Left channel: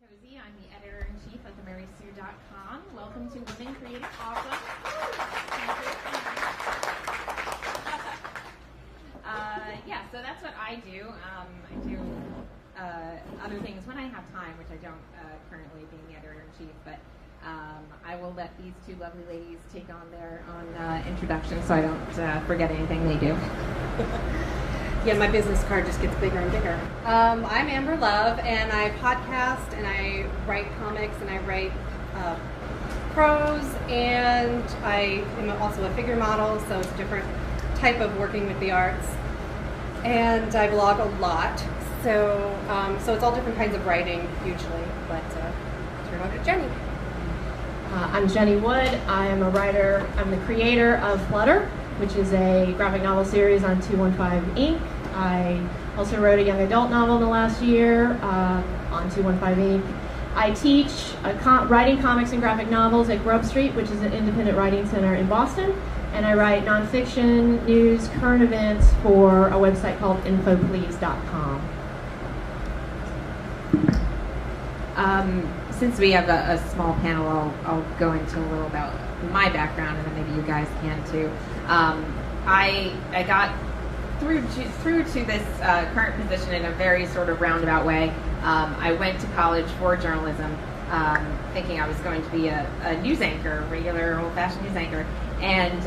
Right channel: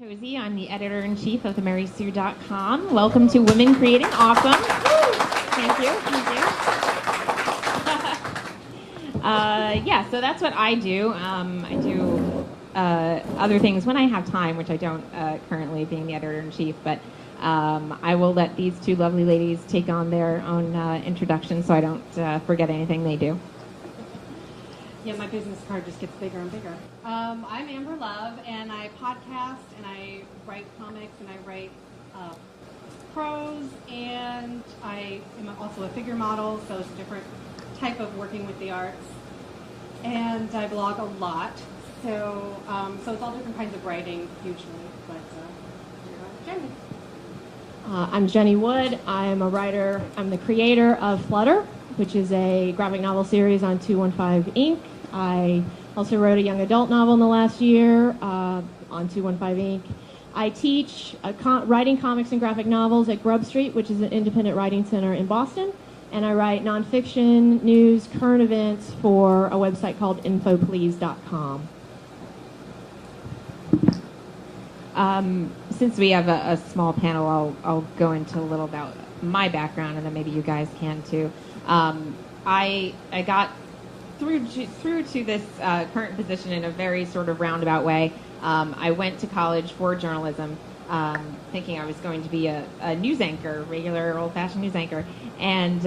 Pantozzi. I'm the editor-in-chief of themarysue.com. Welcome to Women Creating Awesome. Thank you. Yeah, so that's what I do. I do other things when I have time, which I don't currently, being the editor-in-chief, but I will let these two lovely ladies take on their own introduction so I don't forget anything they do. Yeah, my business card just gets bigger and bigger. I'm Amber Love, and I podcast, and I write comics, and I write prose, and I am also a figure model, so it's a different type of working with the arts. And I blog a lot, so it's all different kinds of writing, usually. But turn over to Jenny. I'm Jennie Wood. I am a writer. I'm the creator of Flutter, which is a graphic novel series on 215 Inc. I also wrote a young adult novel in the last year on 215 Inc. I teach writing comics and graphic novels at Grub Street, which is an independent writing center in Boston. And I write nonfiction, news, current events for a website called infoplease.com. Since we have a small panel, I'll go into a little about my background, and then maybe you guys can too. I got through to this current position in a very sort of roundabout way. I went to college for journalism, thinking I was going to be a news anchor, regular old-fashioned news anchor. And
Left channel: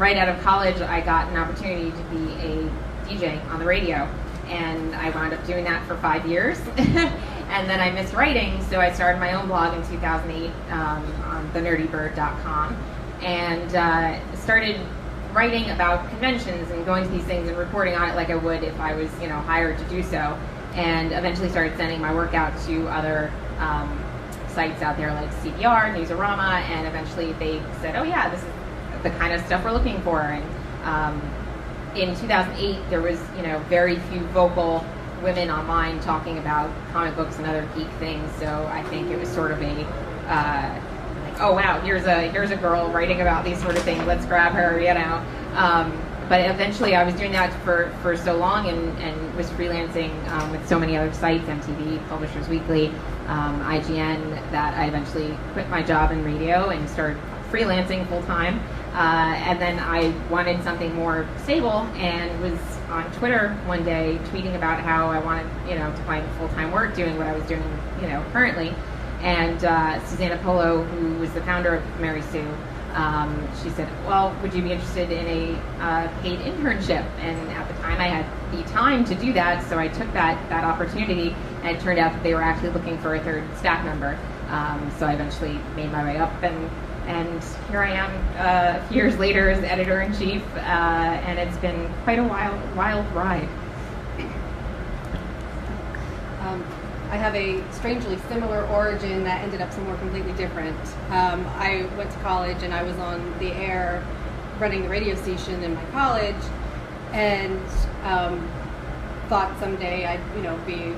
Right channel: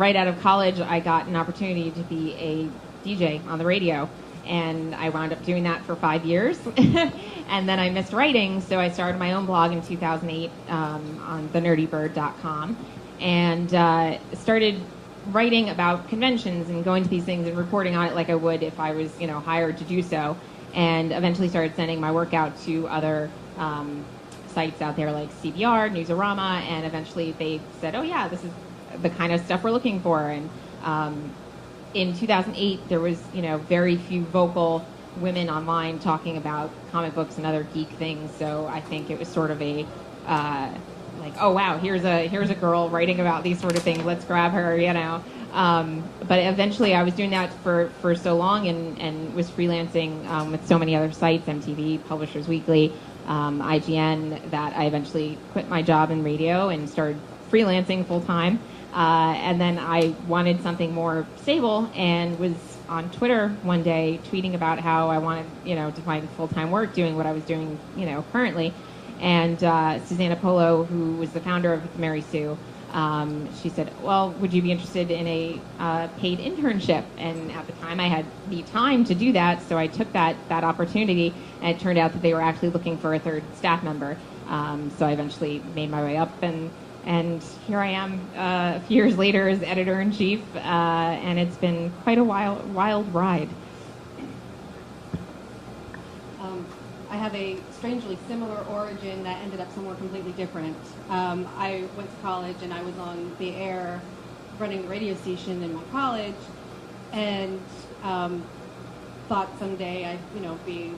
right out of college, I got an opportunity to be a DJ on the radio. And I wound up doing that for 5 years. And then I missed writing, so I started my own blog in 2008 on thenerdybird.com. And started writing about conventions and going to these things and reporting on it like I would if I was, hired to do so. And eventually started sending my work out to other sites out there like CBR, Newsarama, and eventually they said, oh yeah, this is the kind of stuff we're looking for. And in 2008, there was, very few vocal women online talking about comic books and other geek things. So I think it was sort of a oh wow, here's a girl writing about these sort of things. Let's grab her, But eventually, I was doing that for so long, and was freelancing with so many other sites, MTV, Publishers Weekly, IGN, that I eventually quit my job in radio and started freelancing full time. And then I wanted something more stable, and was on Twitter one day tweeting about how I wanted, to find full-time work doing what I was doing, currently. And Susanna Polo, who was the founder of Mary Sue, she said, well, would you be interested in a paid internship? And at the time I had the time to do that, so I took that opportunity, and it turned out that they were actually looking for a third staff member. So I eventually made my way up, and here I am a few years later as editor-in-chief, and it's been quite a wild ride. I have a strangely similar origin that ended up somewhere completely different. I went to college, and I was on the air running the radio station in my college, and thought someday I'd be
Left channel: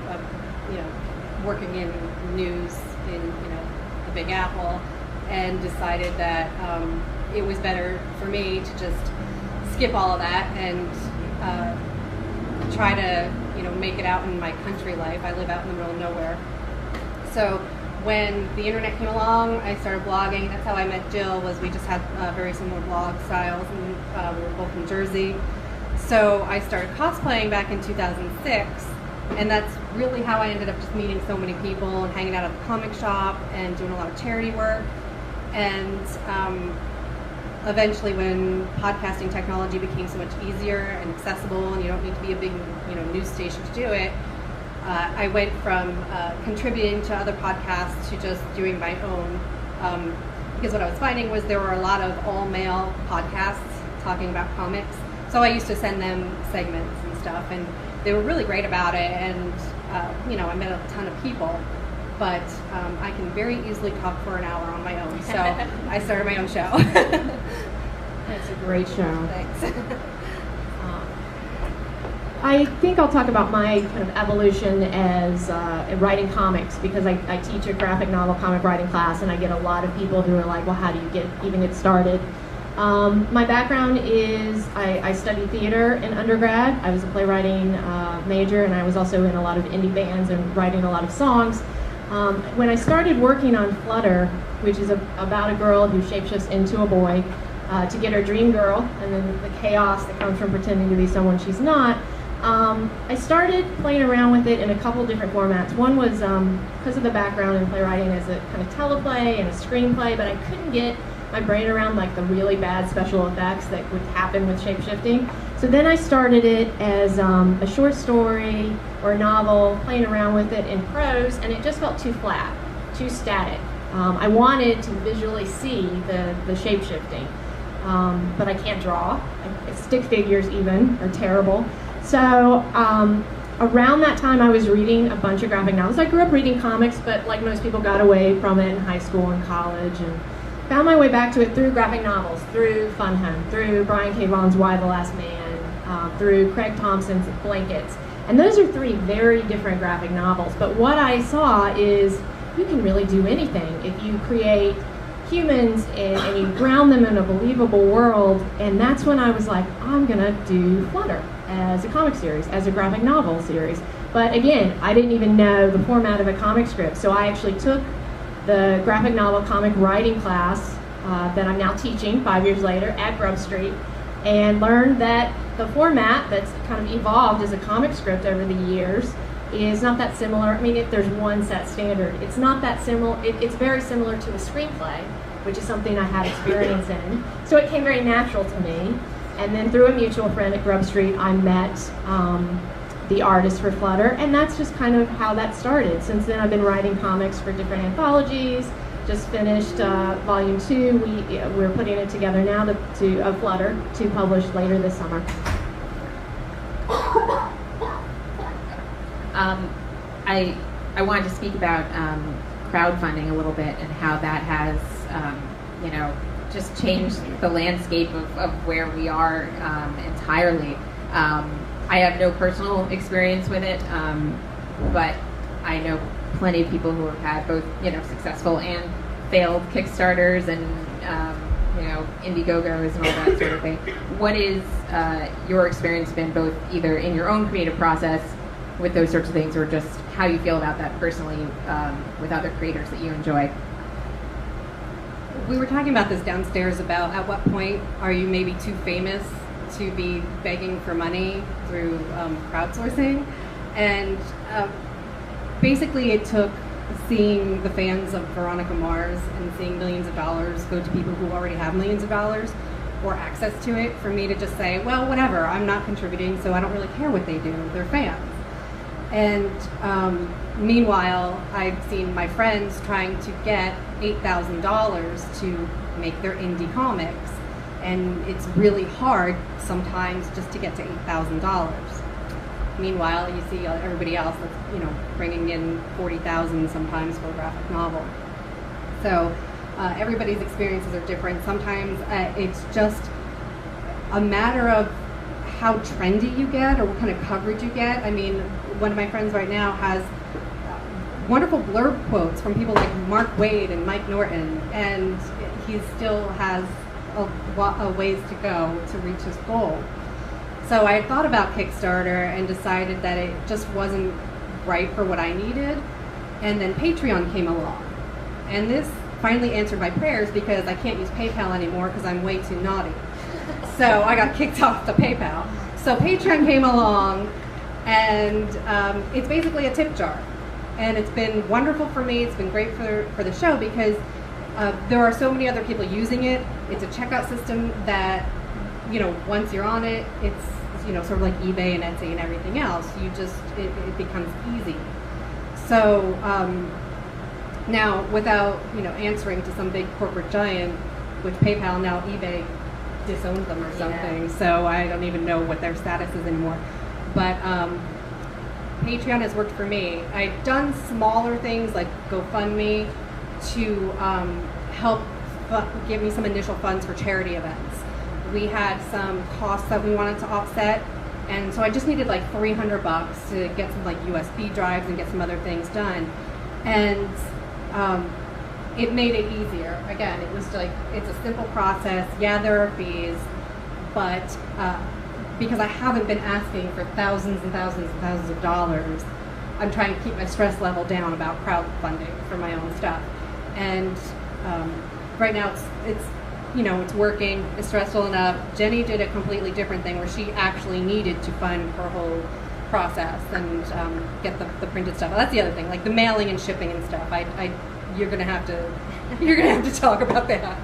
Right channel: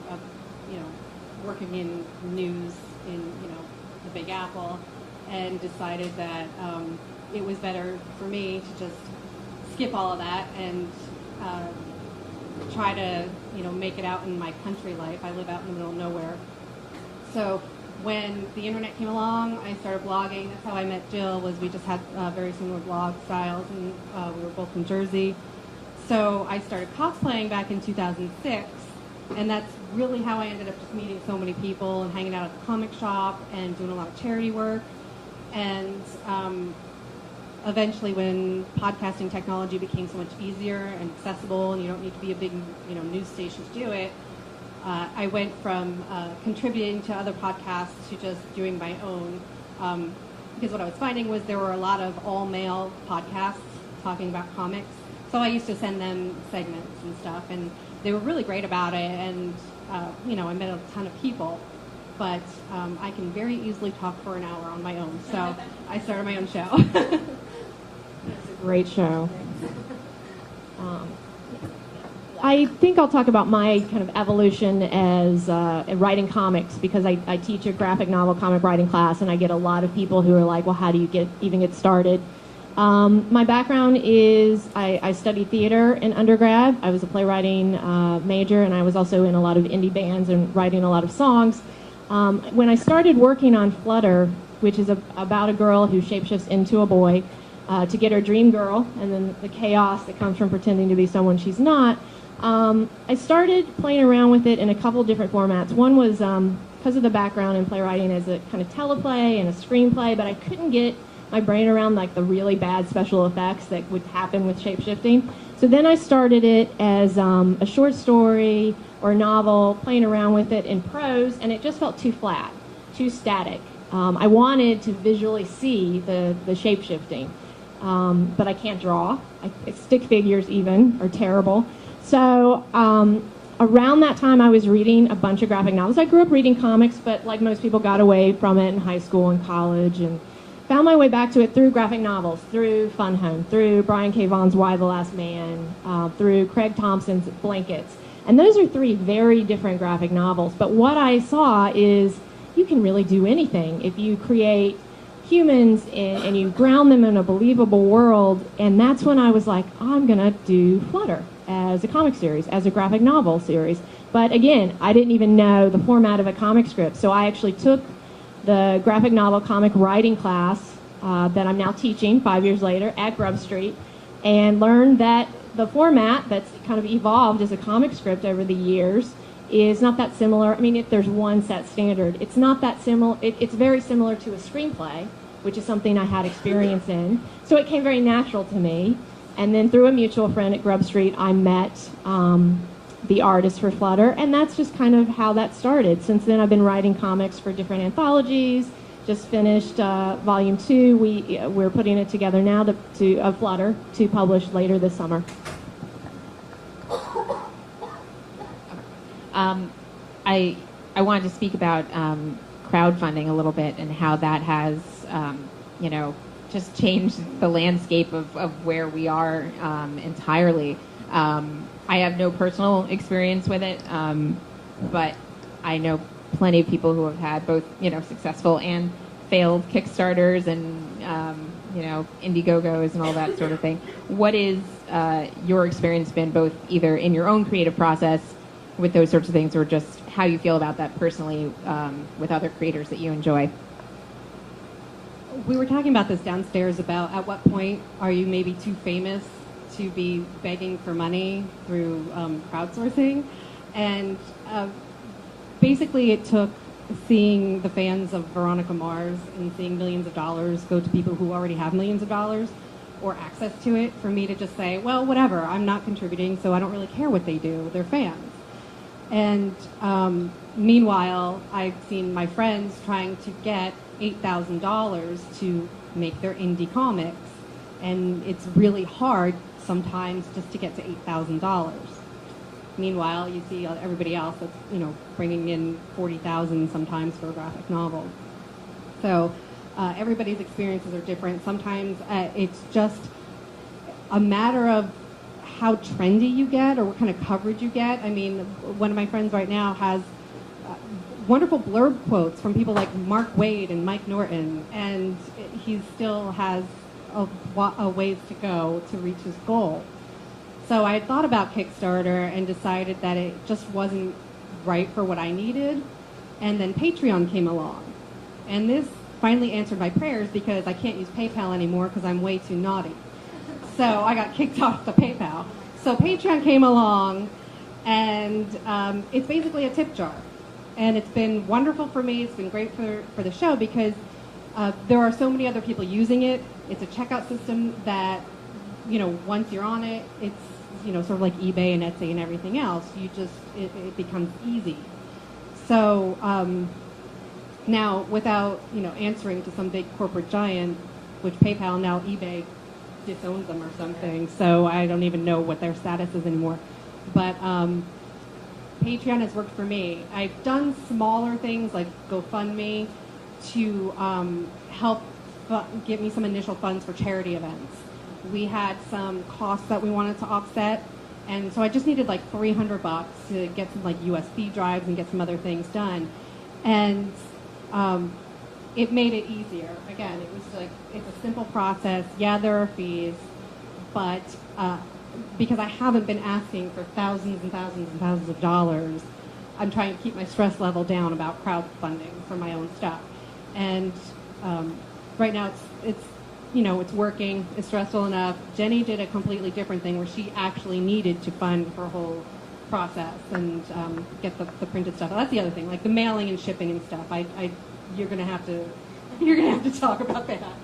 working in news in the Big Apple, and decided that it was better for me to just skip all of that and try to make it out in my country life. I live out in the middle of nowhere. So when the internet came along, I started blogging. That's how I met Jill. Was we just had very similar blog styles, and we were both from Jersey. So I started cosplaying back in 2006, and that's really how I ended up just meeting so many people and hanging out at the comic shop and doing a lot of charity work. And eventually, when podcasting technology became so much easier and accessible, and you don't need to be a big news station to do it, I went from contributing to other podcasts to just doing my own. Because what I was finding was there were a lot of all-male podcasts talking about comics. So I used to send them segments and stuff, and they were really great about it. And I met a ton of people. But I can very easily talk for an hour on my own, so I started my own show. It's a great show. Thanks. I think I'll talk about my kind of evolution as writing comics, because I teach a graphic novel comic writing class, and I get a lot of people who are like, well, how do you even get started? My background is I studied theater in undergrad. I was a playwriting major, and I was also in a lot of indie bands and writing a lot of songs. When I started working on Flutter, which is about a girl who shapeshifts into a boy to get her dream girl, and then the chaos that comes from pretending to be someone she's not, I started playing around with it in a couple of different formats. One was because of the background in playwriting as a kind of teleplay and a screenplay, but I couldn't get my brain around like the really bad special effects that would happen with shapeshifting. So then I started it as a short story or a novel, playing around with it in prose, and it just felt too flat, too static. I wanted to visually see the shapeshifting, but I can't draw. Stick figures even are terrible. So around that time I was reading a bunch of graphic novels. I grew up reading comics, but like most people got away from it in high school and college, and found my way back to it through graphic novels, through Fun Home, through Brian K. Vaughan's Why the Last Man, through Craig Thompson's Blankets. And those are three very different graphic novels. But what I saw is you can really do anything if you create humans and you ground them in a believable world. And that's when I was like, I'm going to do Flutter as a comic series, as a graphic novel series. But again, I didn't even know the format of a comic script. So I actually took the graphic novel comic writing class that I'm now teaching 5 years later at Grub Street, and learned that the format that's kind of evolved as a comic script over the years is not that similar. I mean, if there's one set standard, it's not that similar. It's very similar to a screenplay, which is something I had experience in. So it came very natural to me. And then through a mutual friend at Grub Street, I met the artist for Flutter, and that's just kind of how that started. Since then, I've been writing comics for different anthologies. Just finished volume 2. We're putting it together now to Flutter to publish later this summer. I wanted to speak about crowdfunding a little bit and how that has, just changed the landscape of where we are entirely. I have no personal experience with it, but I know plenty of people who have had both, successful and failed Kickstarters and, Indiegogos and all that sort of thing. What is your experience been, both either in your own creative process with those sorts of things, or just how you feel about that personally with other creators that you enjoy? We were talking about this downstairs about at what point are you maybe too famous to be begging for money through crowdsourcing, and basically it took seeing the fans of Veronica Mars and seeing millions of dollars go to people who already have millions of dollars or access to it for me to just say, well, whatever, I'm not contributing, so I don't really care what they do, they're fans. And meanwhile, I've seen my friends trying to get $8,000 to make their indie comics, and it's really hard sometimes just to get to $8,000. Meanwhile, you see everybody else that's bringing in $40,000 sometimes for a graphic novel. So everybody's experiences are different. Sometimes it's just a matter of how trendy you get or what kind of coverage you get. I mean, one of my friends right now has wonderful blurb quotes from people like Mark Waid and Mike Norton, and he still has a ways to go to reach his goal. So I thought about Kickstarter and decided that it just wasn't right for what I needed, and then Patreon came along. And this finally answered my prayers, because I can't use PayPal anymore because I'm way too naughty. So I got kicked off the PayPal. So Patreon came along, and it's basically a tip jar. And it's been wonderful for me. It's been great for the show, because there are so many other people using it. It's a checkout system that, once you're on it, it's sort of like eBay and Etsy and everything else. It becomes easy. So now, without answering to some big corporate giant, which PayPal, now eBay disowns them or something, so I don't even know what their status is anymore. But Patreon has worked for me. I've done smaller things like GoFundMe to help give me some initial funds for charity events. We had some costs that we wanted to offset, and so I just needed like $300 to get some like USB drives and get some other things done. And it made it easier. Again, it was like, it's a simple process. Yeah, there are fees, but because I haven't been asking for thousands and thousands and thousands of dollars, I'm trying to keep my stress level down about crowdfunding for my own stuff. And right now it's working. It's stressful enough. Jennie did a completely different thing where she actually needed to fund her whole process and get the printed stuff. Well, that's the other thing, like the mailing and shipping and stuff. You're gonna have to talk about that.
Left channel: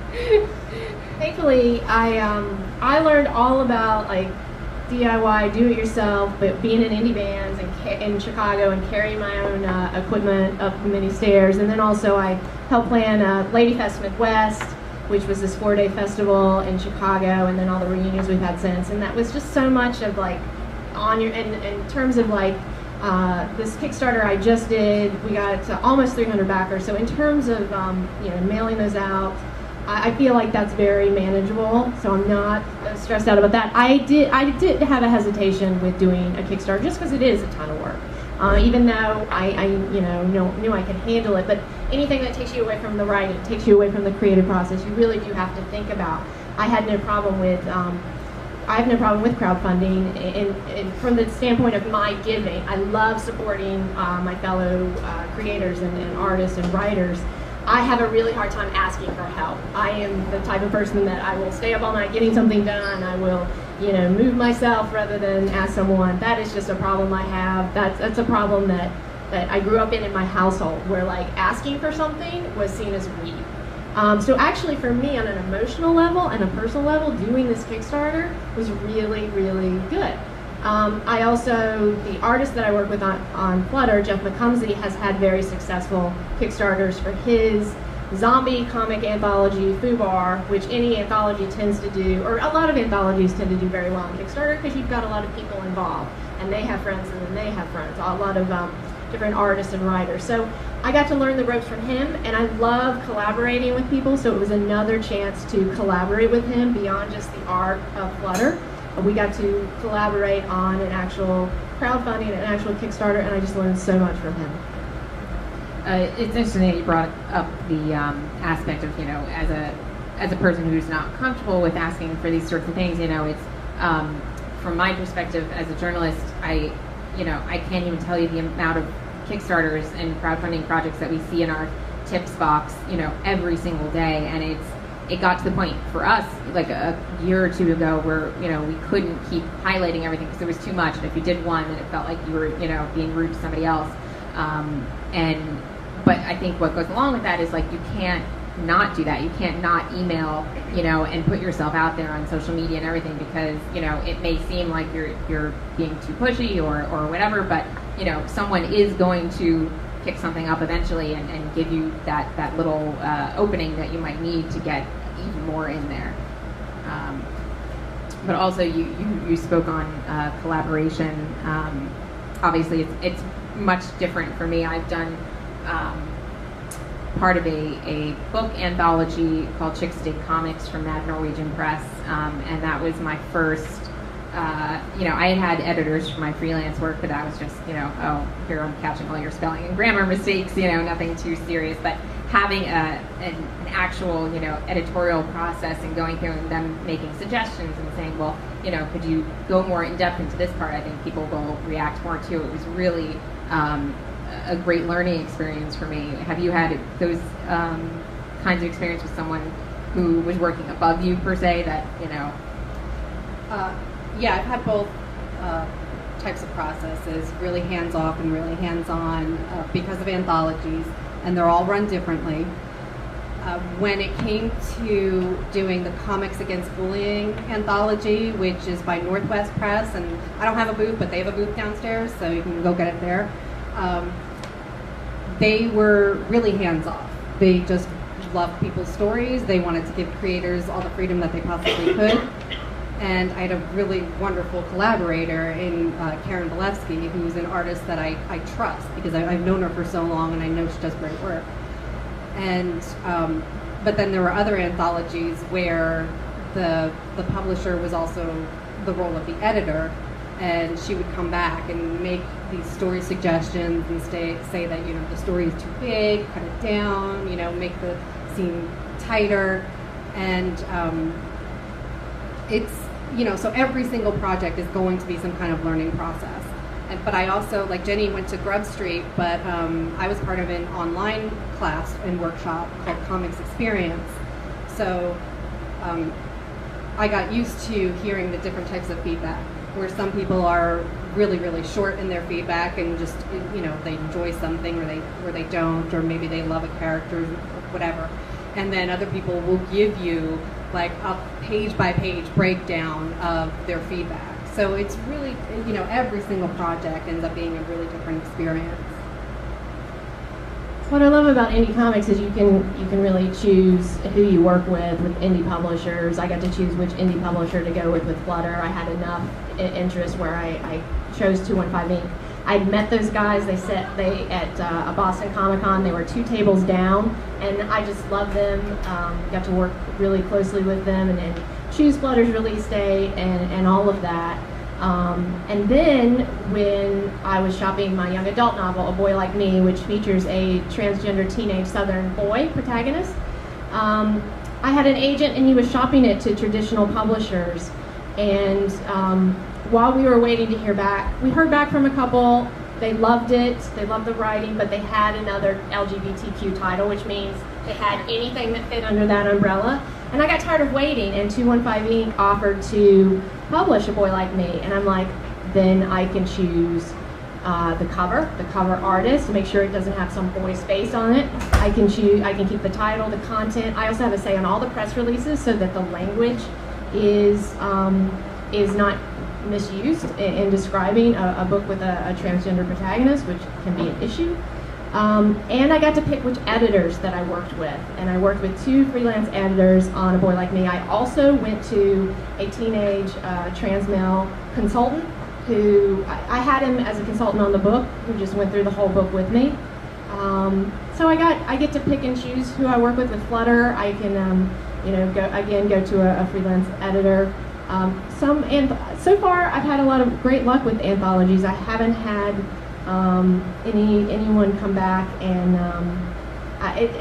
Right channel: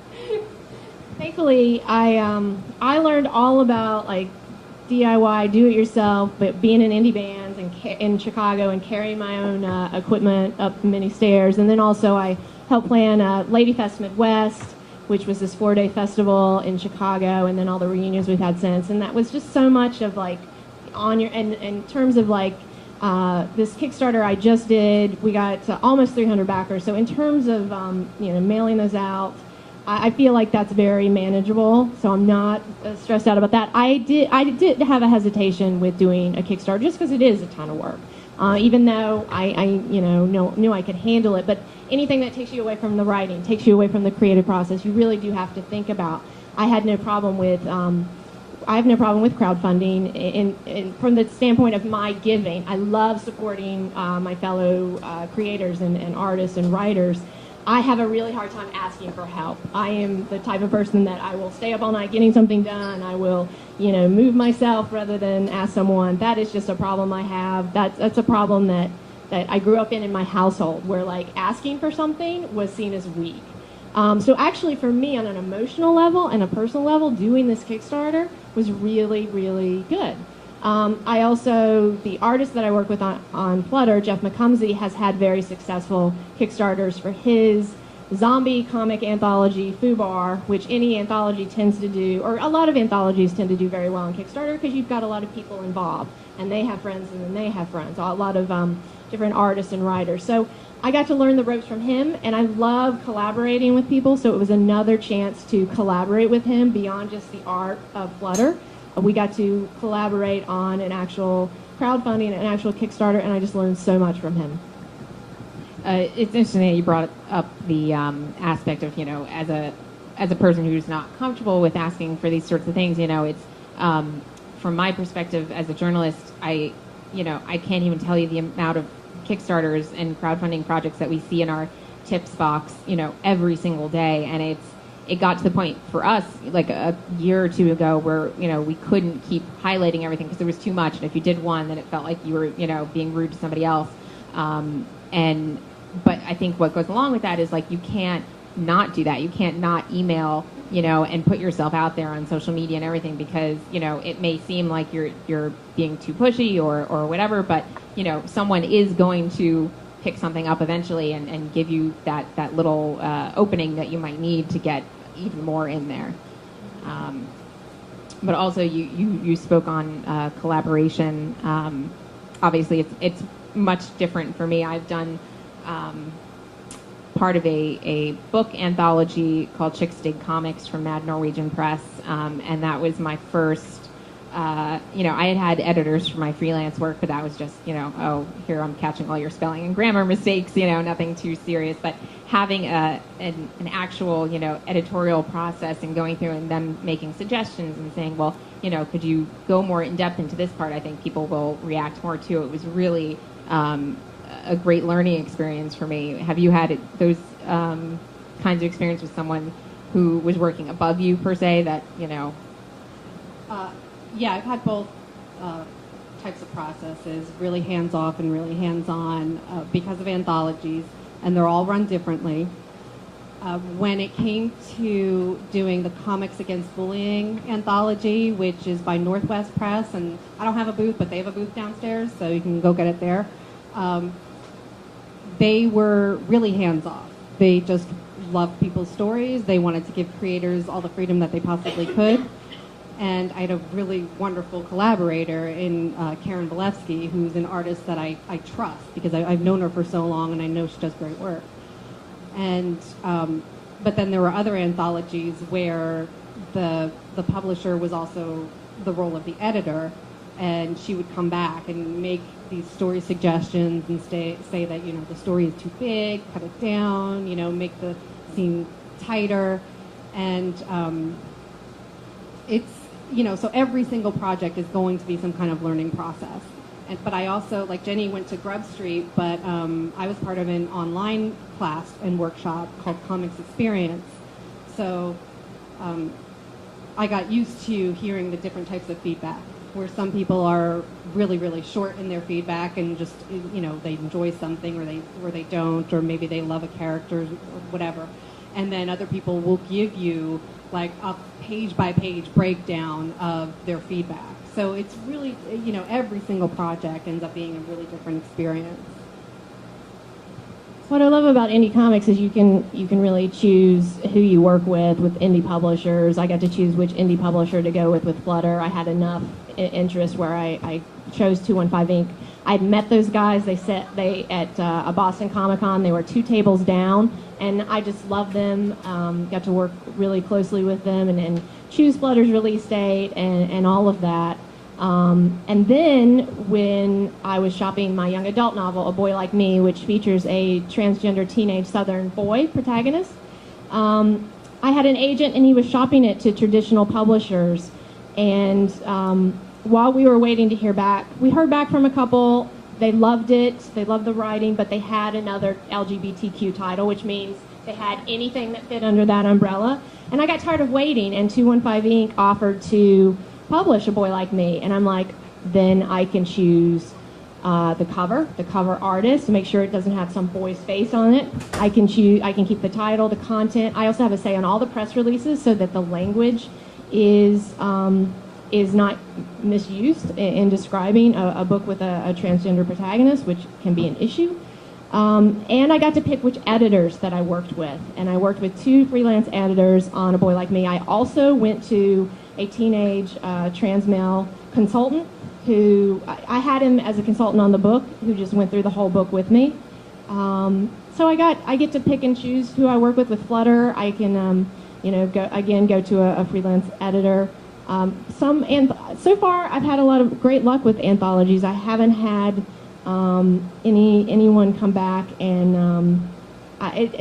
Thankfully, I learned all about like DIY, do it yourself, but being in indie bands and in Chicago and carrying my own equipment up many stairs, and then also I helped plan Lady Fest Midwest, which was this 4-day festival in Chicago, and then all the reunions we've had since, and that was just so much of like and in terms of like this Kickstarter I just did, we got to almost 300 backers. So in terms of mailing those out, I feel like that's very manageable. So I'm not stressed out about that. I did have a hesitation with doing a Kickstarter just because it is a ton of work. Even though I knew I could handle it, but anything that takes you away from the writing, takes you away from the creative process, you really do have to think about. I have no problem with crowdfunding, and from the standpoint of my giving. I love supporting my fellow creators and artists and writers. I have a really hard time asking for help. I am the type of person that I will stay up all night getting something done. I will, move myself rather than ask someone. That is just a problem I have. That's a problem that I grew up in my household, where like asking for something was seen as weak. So actually for me, on an emotional level and a personal level, doing this Kickstarter was really, really good. I also, the artist that I work with on Flutter, Jeff McCumsey, has had very successful Kickstarters for his zombie comic anthology, Fubar, which any anthology tends to do, or a lot of anthologies tend to do very well on Kickstarter because you've got a lot of people involved, and they have friends and then they have friends, a lot of different artists and writers. So I got to learn the ropes from him, and I love collaborating with people, so it was another chance to collaborate with him beyond just the art of Flutter. We got to collaborate on an actual crowdfunding, an actual Kickstarter, and I just learned so much from him. It's interesting that you brought up the aspect of, as a person who's not comfortable with asking for these sorts of things, it's from my perspective as a journalist, I can't even tell you the amount of Kickstarters and crowdfunding projects that we see in our tips box, every single day, and it got to the point for us like a year or two ago where we couldn't keep highlighting everything because there was too much, and if you did one then it felt like you were being rude to somebody else, but I think what goes along with that is like you can't not do that. You can't not email and put yourself out there on social media and everything because it may seem like you're being too pushy or whatever, but someone is going to pick something up eventually and give you that little opening that you might need to get even more in there. But also you spoke on collaboration. Obviously it's much different for me. I've done part of a book anthology called Chicks Dig Comics from Mad Norwegian Press, and that was my first. I had editors for my freelance work, but that was just, oh, here I'm catching all your spelling and grammar mistakes, nothing too serious. But having an actual, editorial process and going through and them making suggestions and saying, well, could you go more in depth into this part? I think people will react more to. It was really a great learning experience for me. Have you had those kinds of experience with someone who was working above you per se that, Yeah, I've had both types of processes, really hands-off and really hands-on because of anthologies, and they're all run differently. When it came to doing the Comics Against Bullying anthology, which is by Northwest Press, and I don't have a booth, but they have a booth downstairs, so you can go get it there. They were really hands-off. They just loved people's stories. They wanted to give creators all the freedom that they possibly could. And I had a really wonderful collaborator in Karen Balevsky, who's an artist that I trust because I've known her for so long and I know she does great work. And but then there were other anthologies where the publisher was also the role of the editor, and she would come back and make these story suggestions and say that the story is too big, cut it down, make the scene tighter, and it's so every single project is going to be some kind of learning process. But I also, like Jennie went to Grub Street, but I was part of an online class and workshop called Comics Experience. So I got used to hearing the different types of feedback, where some people are really, really short in their feedback and just, they enjoy something or they don't, or maybe they love a character or whatever. And then other people will give you like a page-by-page breakdown of their feedback. So it's really, every single project ends up being a really different experience. What I love about indie comics is you can really choose who you work with indie publishers. I got to choose which indie publisher to go with Flutter. I had enough interest where I chose 215 Inc. I'd met those guys. They at a Boston Comic Con. They were 2 tables down, and I just loved them. Got to work really closely with them and choose Flutter's release date and all of that. And then when I was shopping my young adult novel, A Boy Like Me, which features a transgender teenage Southern boy protagonist, I had an agent and he was shopping it to traditional publishers. And while we were waiting to hear back, we heard back from a couple. They loved it. They loved the writing, but they had another LGBTQ title, which means they had anything that fit under that umbrella. And I got tired of waiting, and 215 Inc. offered to publish A Boy Like Me. And I'm like, then I can choose the cover artist, to make sure it doesn't have some boy's face on it. I can keep the title, the content. I also have a say on all the press releases so that the language is not misused in describing a book with a transgender protagonist, which can be an issue. And I got to pick which editors that I worked with. And I worked with 2 freelance editors on A Boy Like Me. I also went to a teenage trans male consultant who, I had him as a consultant on the book, who just went through the whole book with me. So I get to pick and choose who I work with Flutter. I can, go to a freelance editor. So far, I've had a lot of great luck with anthologies. I haven't had anyone come back, and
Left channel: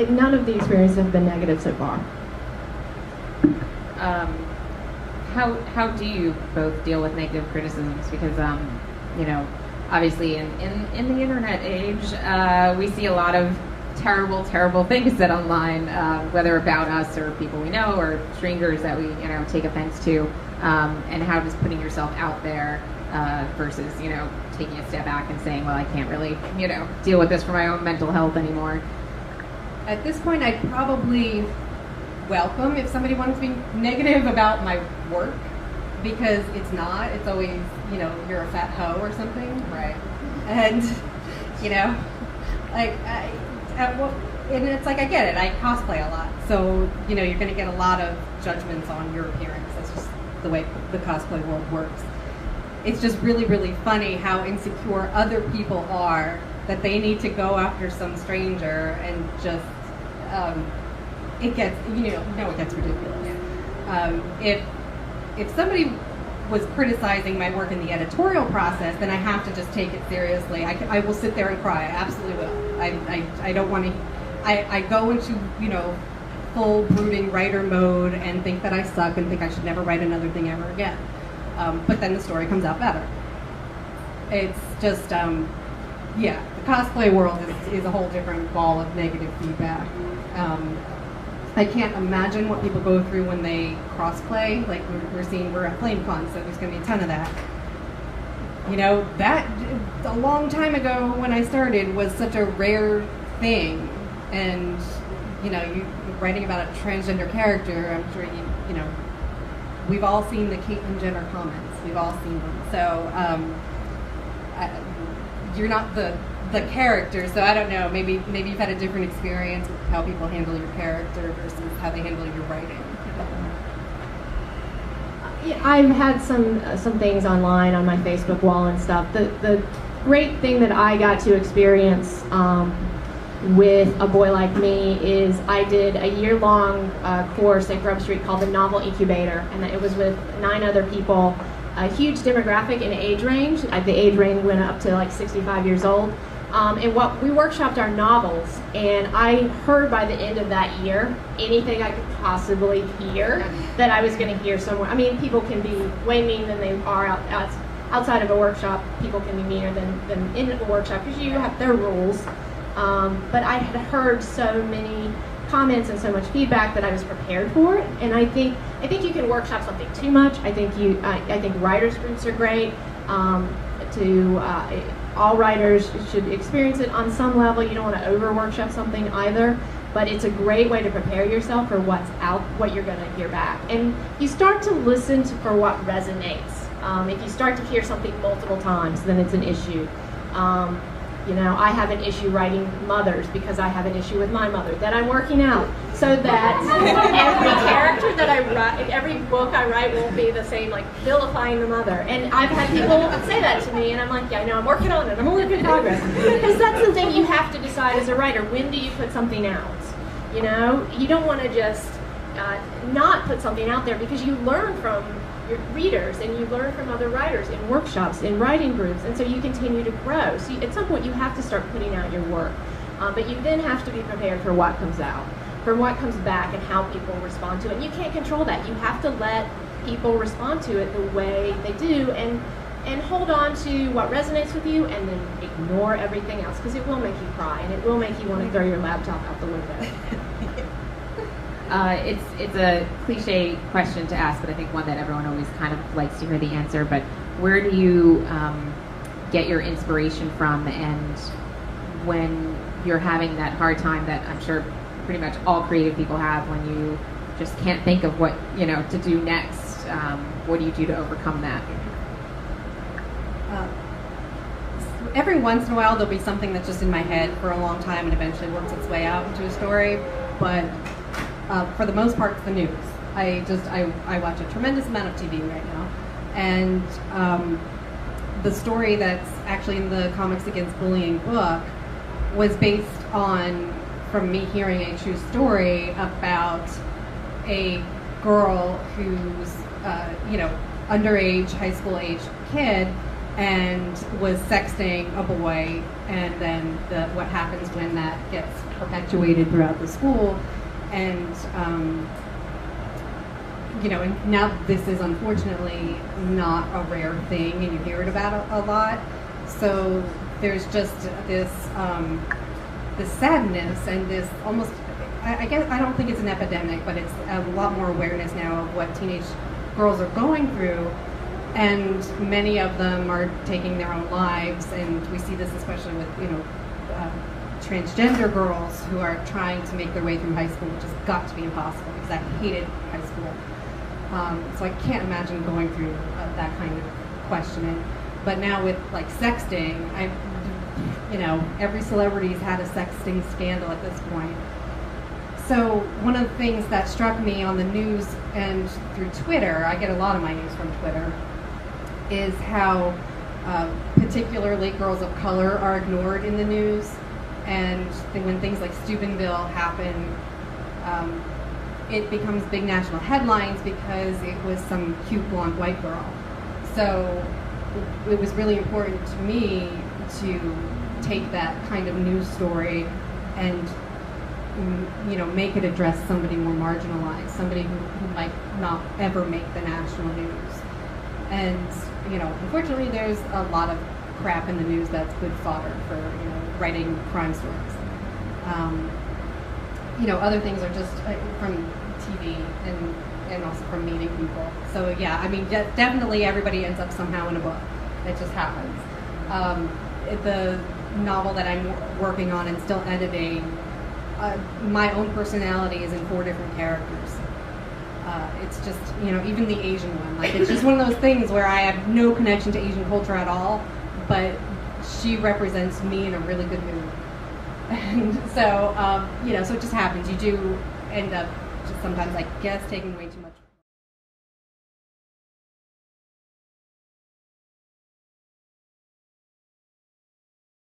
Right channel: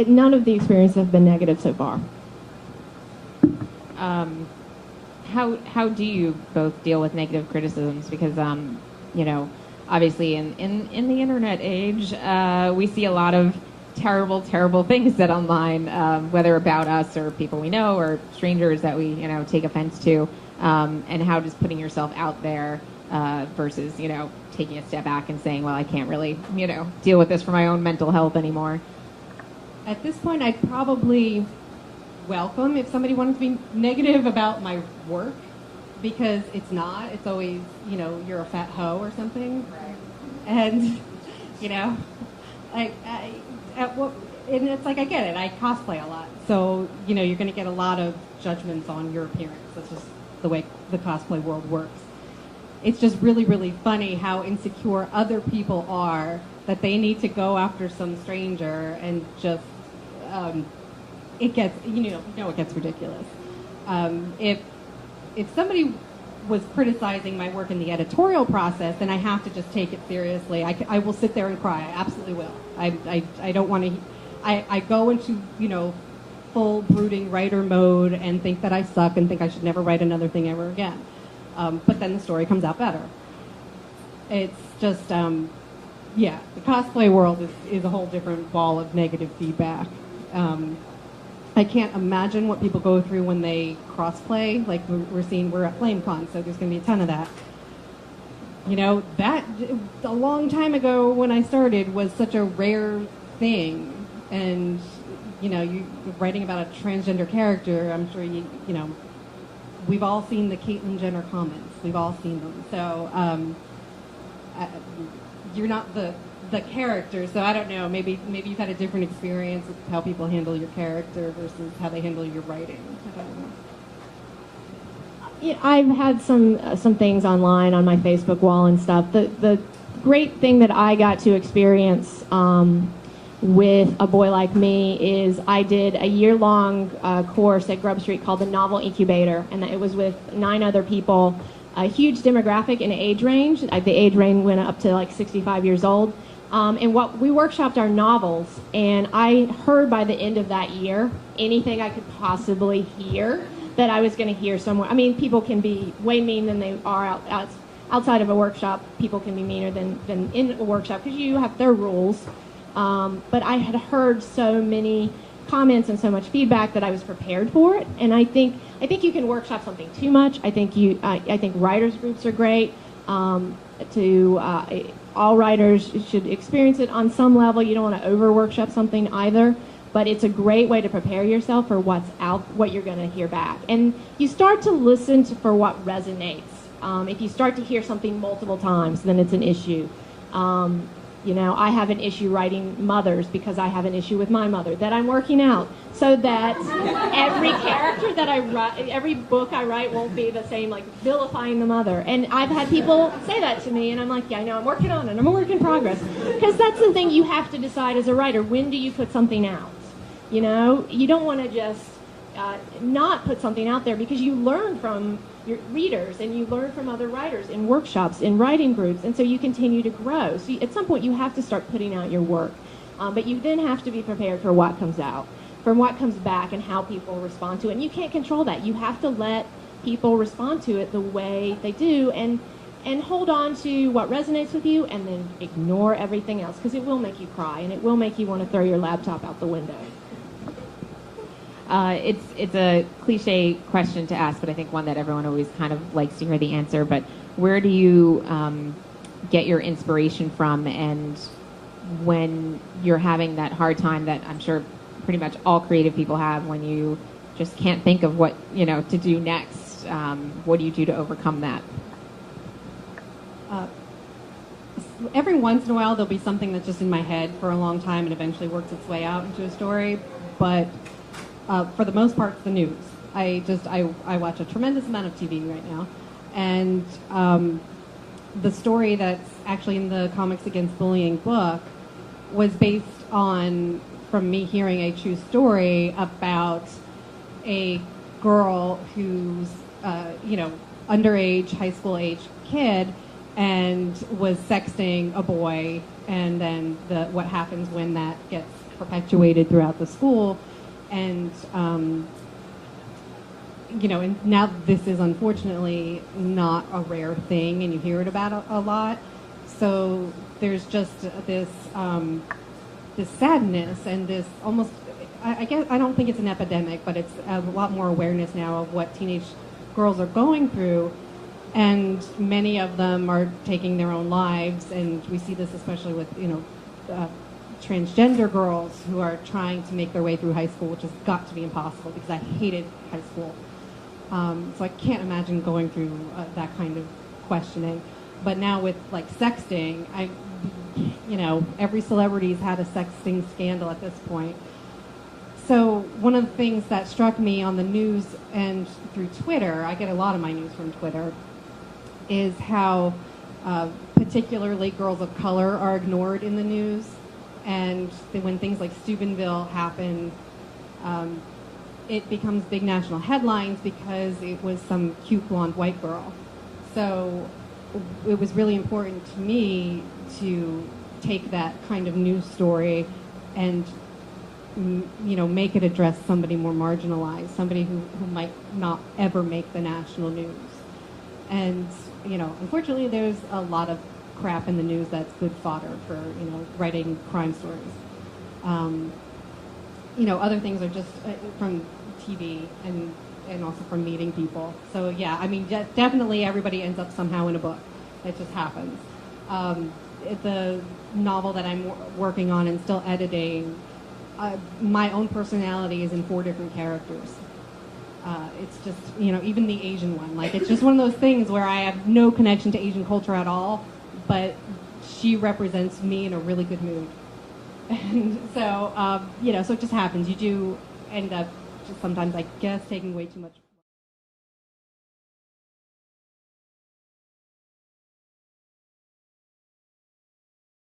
none of the experiences have been negative so far. How do you both deal with negative criticisms? Because obviously in the internet age, we see a lot of terrible things said online, whether about us or people we know or strangers that we take offense to. And how does putting yourself out there versus taking a step back and saying, well, I can't really deal with this for my own mental health anymore? At this point, I'd probably welcome if somebody wants to be negative about my work, because it's always you're a fat hoe or something, Right. And and it's like, I get it, I cosplay a lot, so you're going to get a lot of judgments on your appearance. That's just the way the cosplay world works. It's just really, really funny how insecure other people are that they need to go after some stranger, and just it gets it gets ridiculous. If somebody was criticizing my work in the editorial process, then I have to just take it seriously. I will sit there and cry. I absolutely will. I don't want to. I go into full brooding writer mode and think that I suck and think I should never write another thing ever again. But then the story comes out better. It's just, the cosplay world is a whole different ball of negative feedback. I can't imagine what people go through when they crossplay. Like we're at FlameCon, so there's going to be a ton of that. That a long time ago when I started was such a rare thing, and you writing about a transgender character, I'm sure we've all seen the Caitlyn Jenner comments. We've all seen them. So you're not the character, so I don't know. Maybe you've had a different experience with how people handle your character versus how they handle your writing. Yeah, I've had some things online on my Facebook wall and stuff. The great thing that I got to experience with A Boy Like Me is I did a year-long course at Grub Street called the Novel Incubator, and it was with 9 other people, a huge demographic and age range. The age range went up to like 65 years old. And what we workshopped our novels, and I heard by the end of that year anything I could possibly hear that I was going to hear somewhere. I mean, people can be way mean than they are outside of a workshop, people can be meaner than in a workshop because you have their rules. But I had heard so many comments and so much feedback that I was prepared for it. And I think you can workshop something too much. I think writers groups are great. All writers should experience it on some level. You don't want to over workshop something either. But it's a great way to prepare yourself for what you're going to hear back. And you start to listen for what resonates. If you start to hear something multiple times, then it's an issue. I have an issue writing mothers because I have an issue with my mother that I'm working out, so that every character that I write, every book I write won't be the same, like vilifying the mother. And I've had people say that to me, and I'm like, yeah, no, I'm working on it. I'm a work in progress. Because that's something you have to decide as a writer. When do you put something out? You don't want to just not put something out there, because you learn from your readers and you learn from other writers in workshops, in writing groups, and so you continue to grow. So at some point you have to start putting out your work, but you then have to be prepared for what comes out, from what comes back and how people respond to it. And you can't control that. You have to let people respond to it the way they do, and hold on to what resonates with you, and then ignore everything else, because it will make you cry and it will make you want to throw your laptop out the window. It's a cliche question to ask, but I think one that everyone always kind of likes to hear the answer. But where do you get your inspiration from? And when you're having that hard time that I'm sure pretty much all creative people have, when you just can't think of what to do next, what do you do to overcome that? Every once in a while there'll be something that's just in my head for a long time and eventually works its way out into a story, but for the most part, it's the news. I watch a tremendous amount of TV right now, and the story that's actually in the Comics Against Bullying book was based on, from me hearing a true story about a girl who's underage, high school age kid, and was sexting a boy, and then what happens when that gets perpetuated throughout the school. And and now this is unfortunately not a rare thing, and you hear it about a lot. So there's just this sadness and this almost, I guess, I don't think it's an epidemic, but it's a lot more awareness now of what teenage girls are going through, and many of them are taking their own lives, and we see this especially with transgender girls who are trying to make their way through high school, which has got to be impossible because I hated high school. So I can't imagine going through that kind of questioning. But now with sexting, every celebrity's had a sexting scandal at this point. So one of the things that struck me on the news and through Twitter, I get a lot of my news from Twitter, is how particularly girls of color are ignored in the news. And when things like Steubenville happen, it becomes big national headlines because it was some cute blonde white girl. So it was really important to me to take that kind of news story and make it address somebody more marginalized, somebody who might not ever make the national news. And unfortunately there's a lot of crap in the news that's good fodder for writing crime stories. Other things are just from TV and also from meeting people. So yeah, I mean, definitely everybody ends up somehow in a book. It just happens. The novel that I'm working on and still editing, my own personality is in 4 different characters. It's just, even the Asian one, it's just one of those things where I have no connection to Asian culture at all, but she represents me in a really good mood. And so, so it just happens. You do end up just sometimes, I guess, taking way too much